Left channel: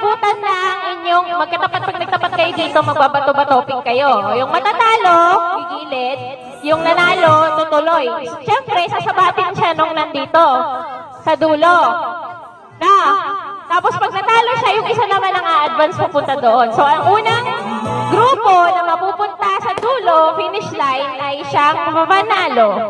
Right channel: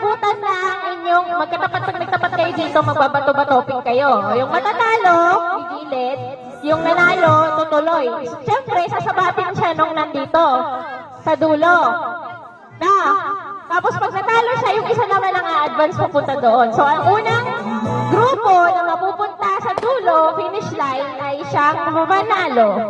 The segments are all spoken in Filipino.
abutan na inyong magkatapat pag nagtapat kayo dito, magbabato-batoping kayo. Yung matatalo, gigilid. Yung nanalo, tutuloy. Siyempre, sasabatin siya nung nandito sa dulo. Tapos pag natalo siya, yung isa naman ang a-advance papunta doon. So, ang unang grupo na mapupunta sa dulo, finish line, ay siyang mamanalo.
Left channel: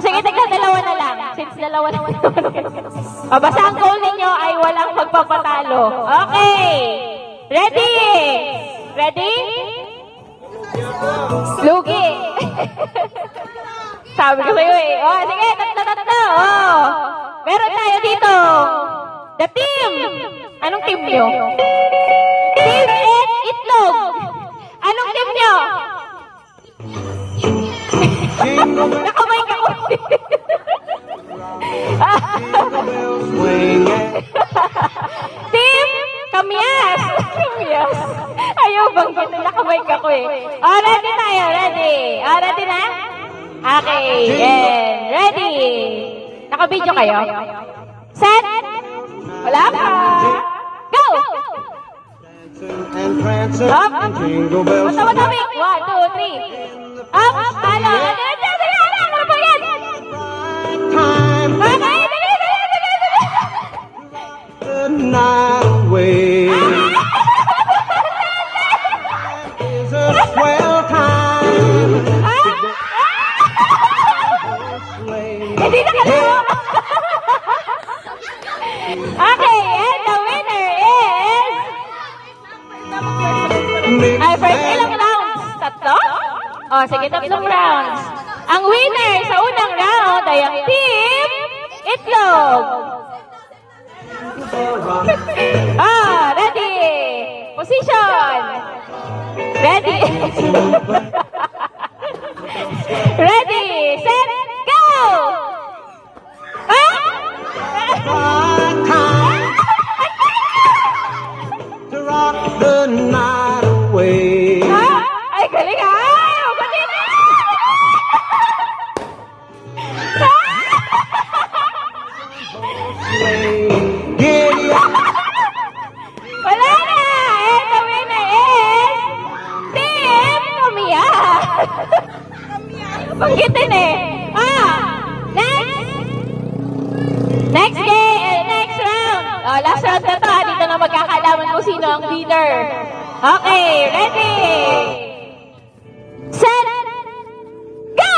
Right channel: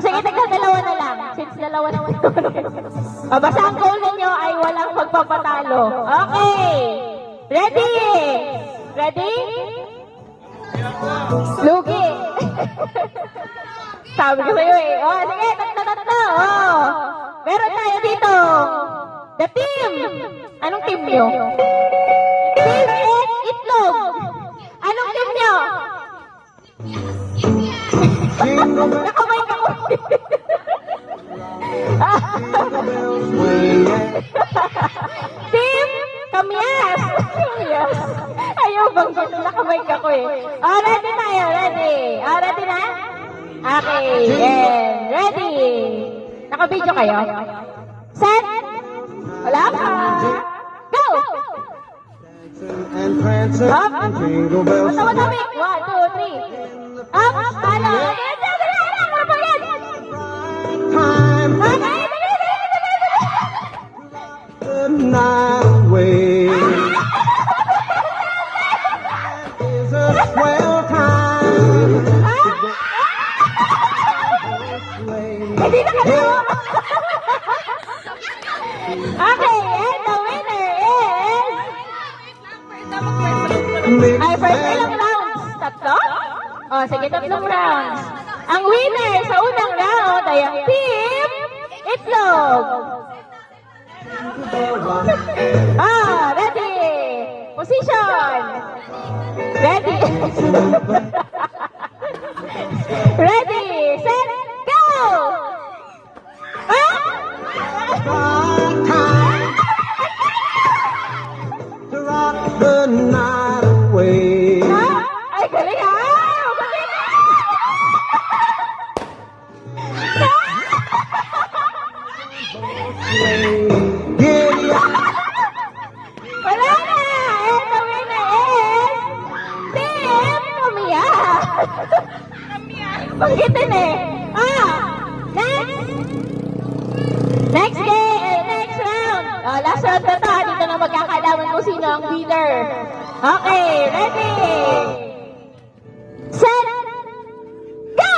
Sige, dalawa na lang. Since dalawa na lang. Basta ang goal ninyo ay walang magpapatalo. Okay. Ready? Ready? Lugi. Sabi ko sa'yo eh. Sige, tatlo. Meron tayo dito. The team. Anong team nyo? Team Itlog. Anong team nyo? Nakamay ka ko. Team Kamyas. Ayaw bang gano'n, nakamay ka ko eh. Ready tayo, ready. Ready na? Okay, and ready. Naka-video kayo? Set. Wala pa. Go! Matawa-tawi. 1, 2, 3. Up, ano? Ano po yan? Hindi na kalawa. Okay, and the winner is... first ilang rounds? Tatlo? Sige, tatlong rounds. Ang winner sa unang round ay ang Team Itlog. Ready? Position. Ready? Ready, set, go! To rock the night away. Ay, galing ha! Galing ha! Wala na! And the winner is Team Kamia! Panggitin eh! Next game! Next round! Last round na to. Dito na magkakalaman kung sino ang leader. Okay, ready! Set! Go!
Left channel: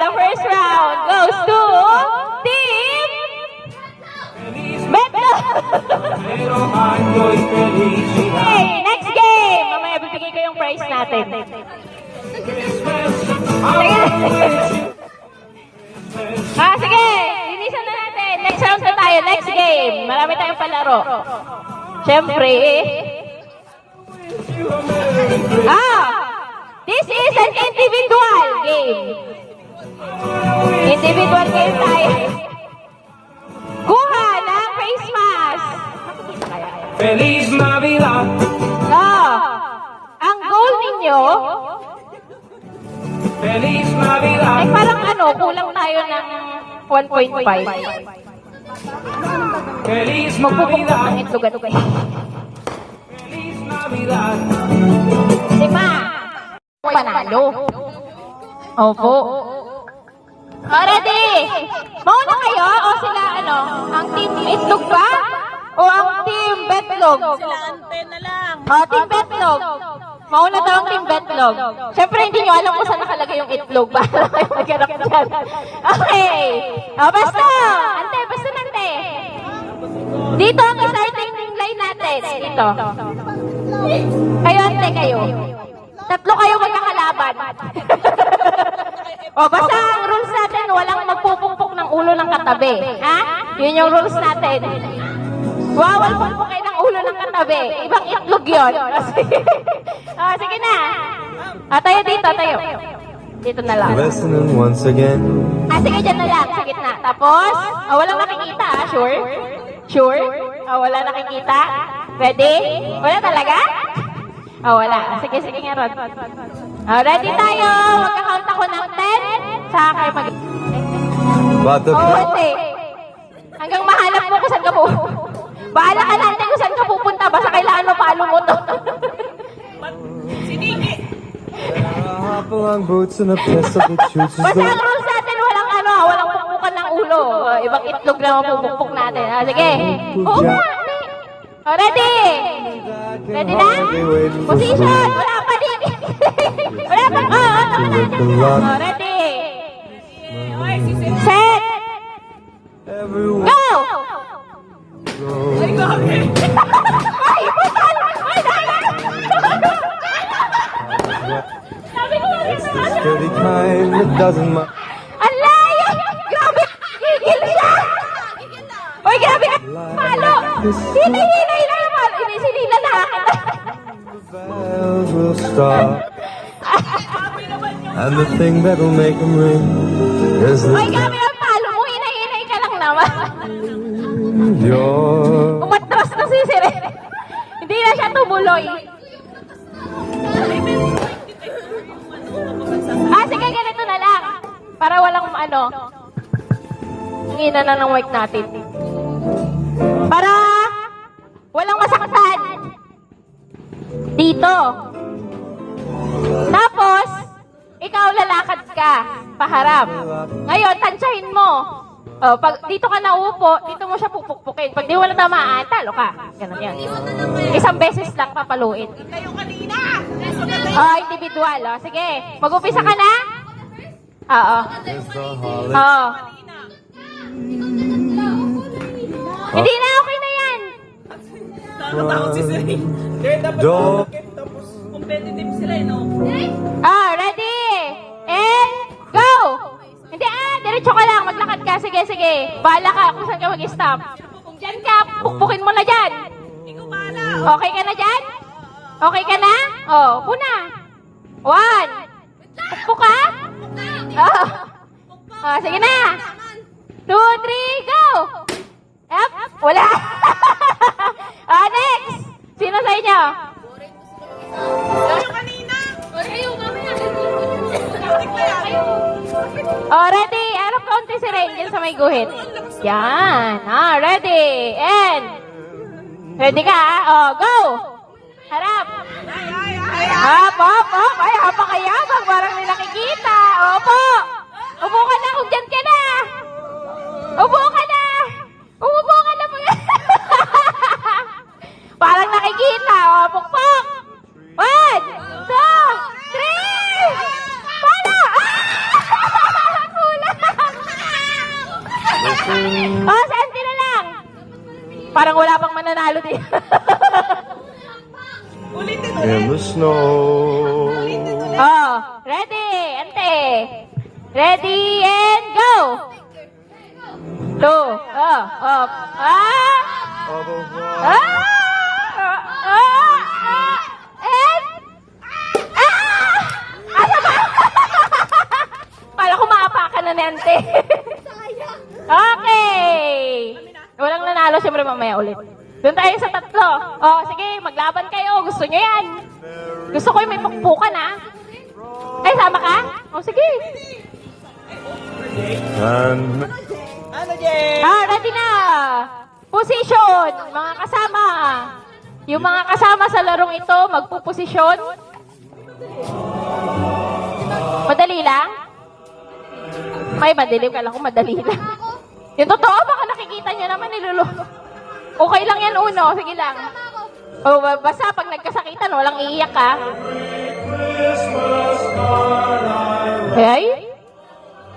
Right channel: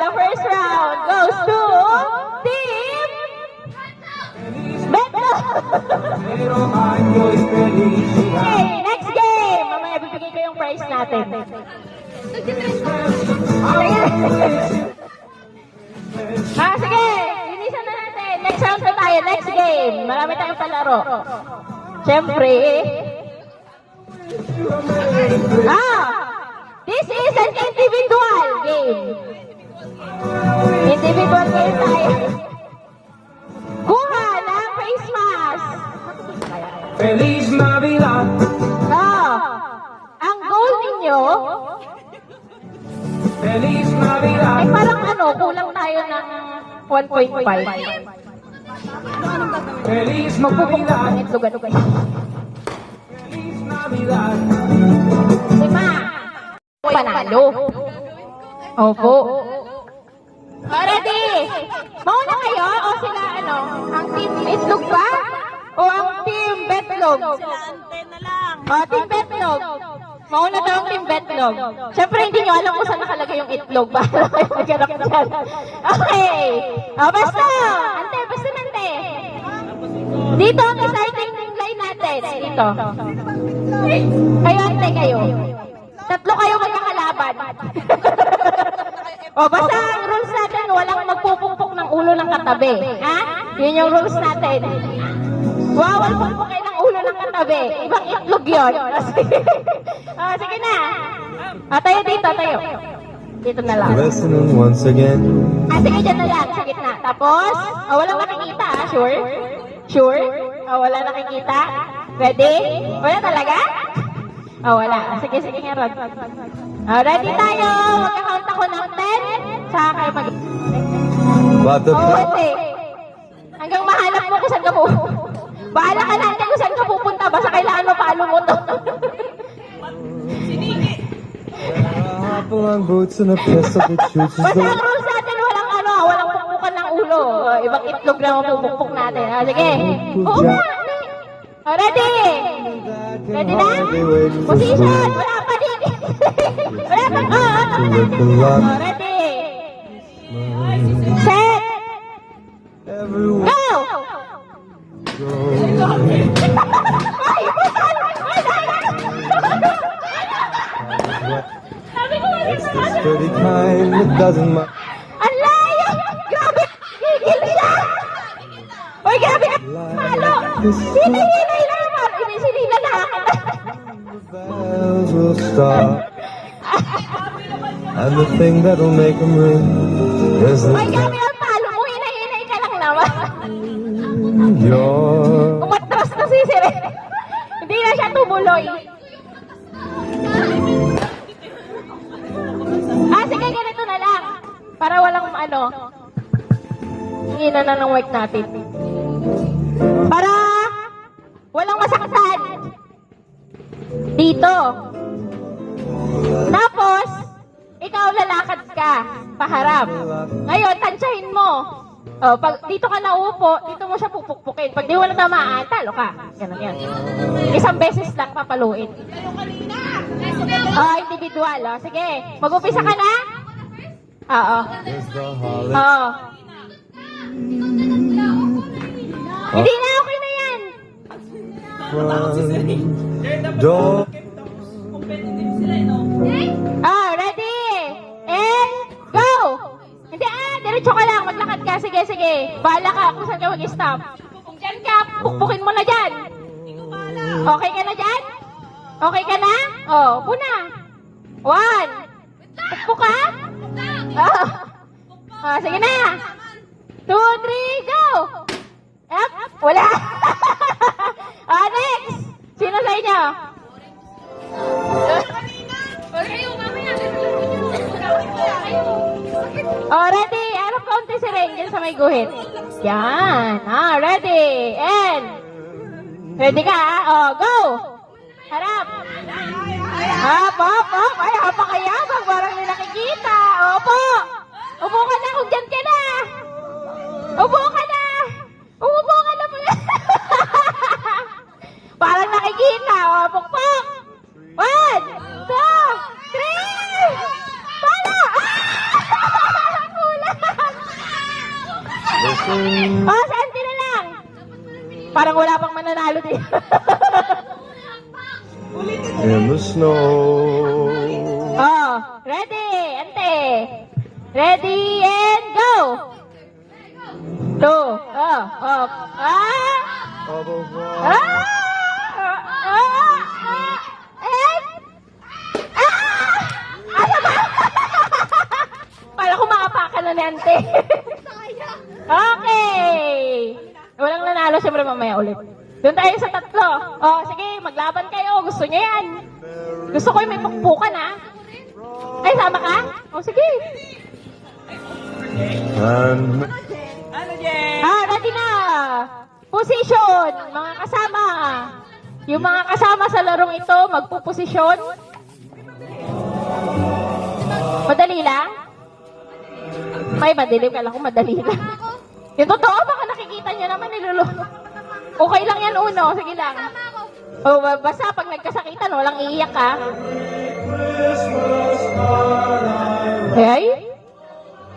The first round goes to Team Beto. Okay, next game. Mamaya bibigay ko yung prize natin. Sige, linisan na natin. Next round na tayo. Next game. Marami tayong palaro. Siyempre. This is an individual game. Individual game tayo. Kuha ng face mask. Feliz Navidad. Ang goal ninyo, Feliz Navidad. ay parang kulang tayo ng 1.5. Feliz Magpupukpok ng Navidad. itlog kayo. Feliz Navidad. Diba? Panalo. Opo. Ready? Mauna kayo o sila ang team Itlog ba? O ang team Betlog? Sila ante na lang. Team Betlog. Mauna daw ang team Betlog. Siyempre hindi nyo alam kung saan nakalagay yung itlog ba? Okay. Basta. Ante, basta nante. Dito ang starting line natin. Dito. Kayo ante kayo. Tatlo kayo magkakalaban. Basta ang rules natin, walang magpupukpok ng ulo ng katabi. Ha? Yun yung rules natin. Wawal pukpok kayo ng ulo ng katabi. tabi. Ibang itlog yun. Oh, sige na. Tayo dito, tayo. Dito na lang. Listening once again. Sige, dyan na lang, sa gitna. Tapos, walang nakikita, sure? Sure? Wala nakikita? Ready? Wala talaga? Wala. Sige, sige nga, Rod. Ready tayo. Magkakount ako ng 10. Saka kayo mag... But the Hindi. Hanggang mahanap mo kung saan ka pupunta. Bahala ka natin kung saan ka pupunta. Basta kailangan mo palo mo to. long boots and a pistol that shoots his Basta door. ang rules natin, walang pukpukan ng ulo. Ibang itlog lang ang pupukpuk natin. Sige. Oo nga. Ready? Ready na? Position. Wala pa din. Wala pa. Ready? Set. Everywhere Go! I go. Ay, sabi ko nga It's the steady kind that doesn't matter. ang layo! Grabe! Gigil siya! Uy, grabe ka! Palo! Hinihilay lang yung palo! Inisinila na akin! Bells will stop. And the thing that'll make him ring is Uy, the grabe ang palo mo! Hinay-hinay ka lang naman! your Umatras na si Sire! Hindi na siya tumuloy! Sige, ganito na lang. Para walang hingina na ng mic natin. Para walang masaktan. Dito. Tapos, ikaw lalakad ka. Paharap. Ngayon, tansyahin mo. Pag dito ka naupo, dito mo siya pupukpukin. Pag di wala tamaan, talo ka. Ganun yan. Isang beses lang papaluin. Individual. Sige, mag-upisa ka na? Oo. Oo. Hindi na, okay na yan. door. Ready? And go! Hindi diretso ka lang, maglakad ka. Sige, sige. Bahala ka kung saan ka mag-stop. Kung dyan ka, pukpukin mo na dyan. Okay ka na dyan? Okay ka na? Upo na. 1. Pukpuk ka? Sige na. 2, 3, go! Up. Wala. Next. Sino sa inyo? Ready? Arap kaunti si Rangel sa may guhit. Yan. Ready. And. Ready ka? Go! Harap. Up. Ay, hapakayabang. Parang may nakikita. Opo. Upo ka na kung dyan ka na. Upo ka na. Umupo ka na mga. Parang nakikita. Pukpok. 1, 2, 3. Para. Kulang. Sante na lang. Parang wala pang mananalo din. In the snow. Ready, ante. Ready and go. 2. Up. Pala ko maapakan na ni ante. Okay. Walang nanalo, siyempre mamaya ulit. Doon tayo sa 3. Sige, maglaban kayo. Gusto nyo yan. Gusto ko yung may pukpukan, Ay, sama ka? Sige. And Ready na. Position, mga kasama. Yung mga kasama sa larong ito, magpuposisyon. Madali lang? May madilim ka lang kung madali lang. Yung totoo, baka nakikita niya naman nilulo. Okay lang yan uno, sige lang. Basta pag nagkasakitan, walang iiyak ka. Hey?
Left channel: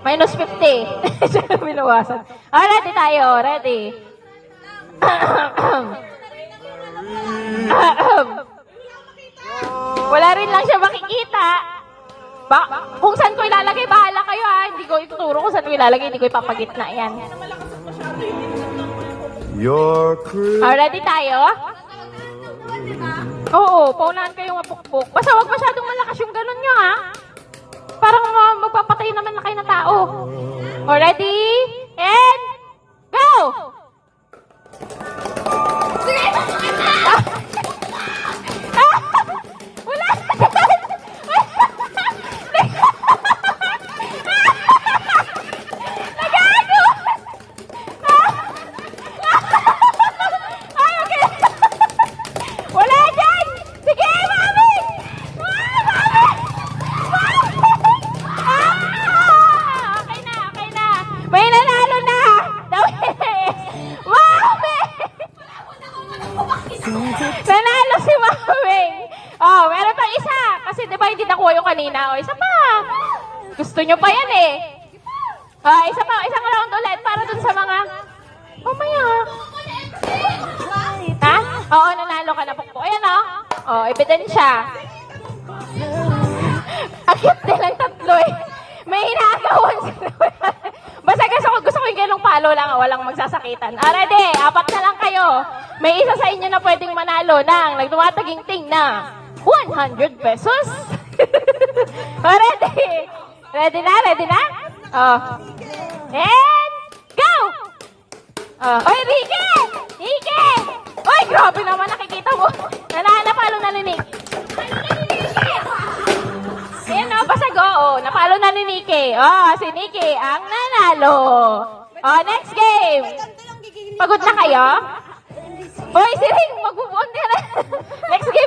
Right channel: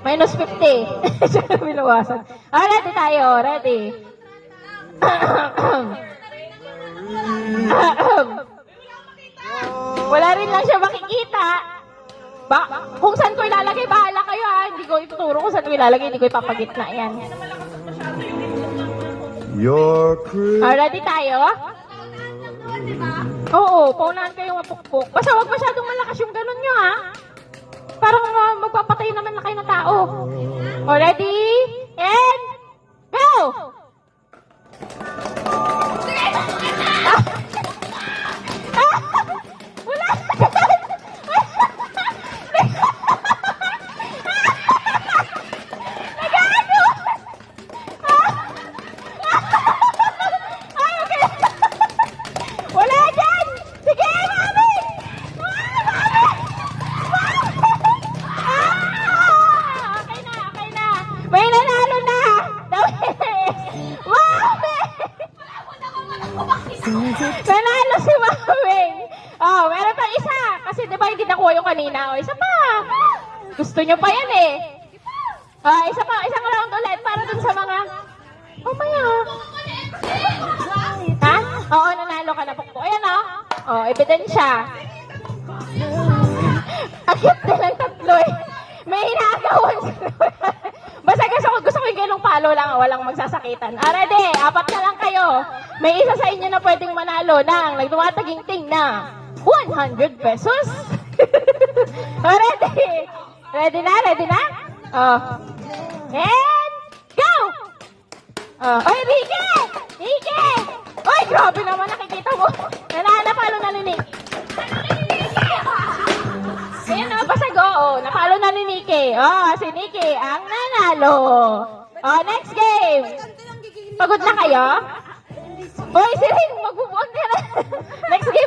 Minus 50. Binawasan. Ready tayo, ready. Wala rin lang siya makikita. Kung saan ko ilalagay, bahala kayo Hindi ko ituturo kung saan ko ilalagay, hindi ko ipapagitna yan. your crew. Ready tayo? Oo, paunahan kayong mapukpok. Basta huwag masyadong malakas yung ganun nyo, ha? Parang magpapatay naman na kayo ng tao. O, ready? And, go! Wala! Wala dyan! Sige, mami! Okay na, okay na. May nanalo na! Mami! Nanalo si Mami! Oh, meron pa isa. Kasi di ba hindi nakuha yung kanina? O, isa pa. Gusto nyo pa yan eh. Isa pa, isang round ulit para dun sa mga... Mamaya. Ha? Oo, nanalo ka na po. Ayan o. Oh, ebidensya. Ang cute nilang tatlo eh. May hinagawan. Basta gusto ko yung ganong palo lang. Walang magsasakitan. Ready? Apat na lang kayo. May isa sa inyo na pwedeng manalo ng nagtumataging-ting na 100 pesos. Ready? Ready na? Ready na? Oh. And go! Oy, Rike! Rike! Oy, grabe naman nakikita mo. Napalo na ni Nick. Ayan o, basag o. Napalo na ni Nicky. Si Nicky ang nanalo. Next game. Pagod na kayo? Oy, si Ring, mag-move on na. Next game.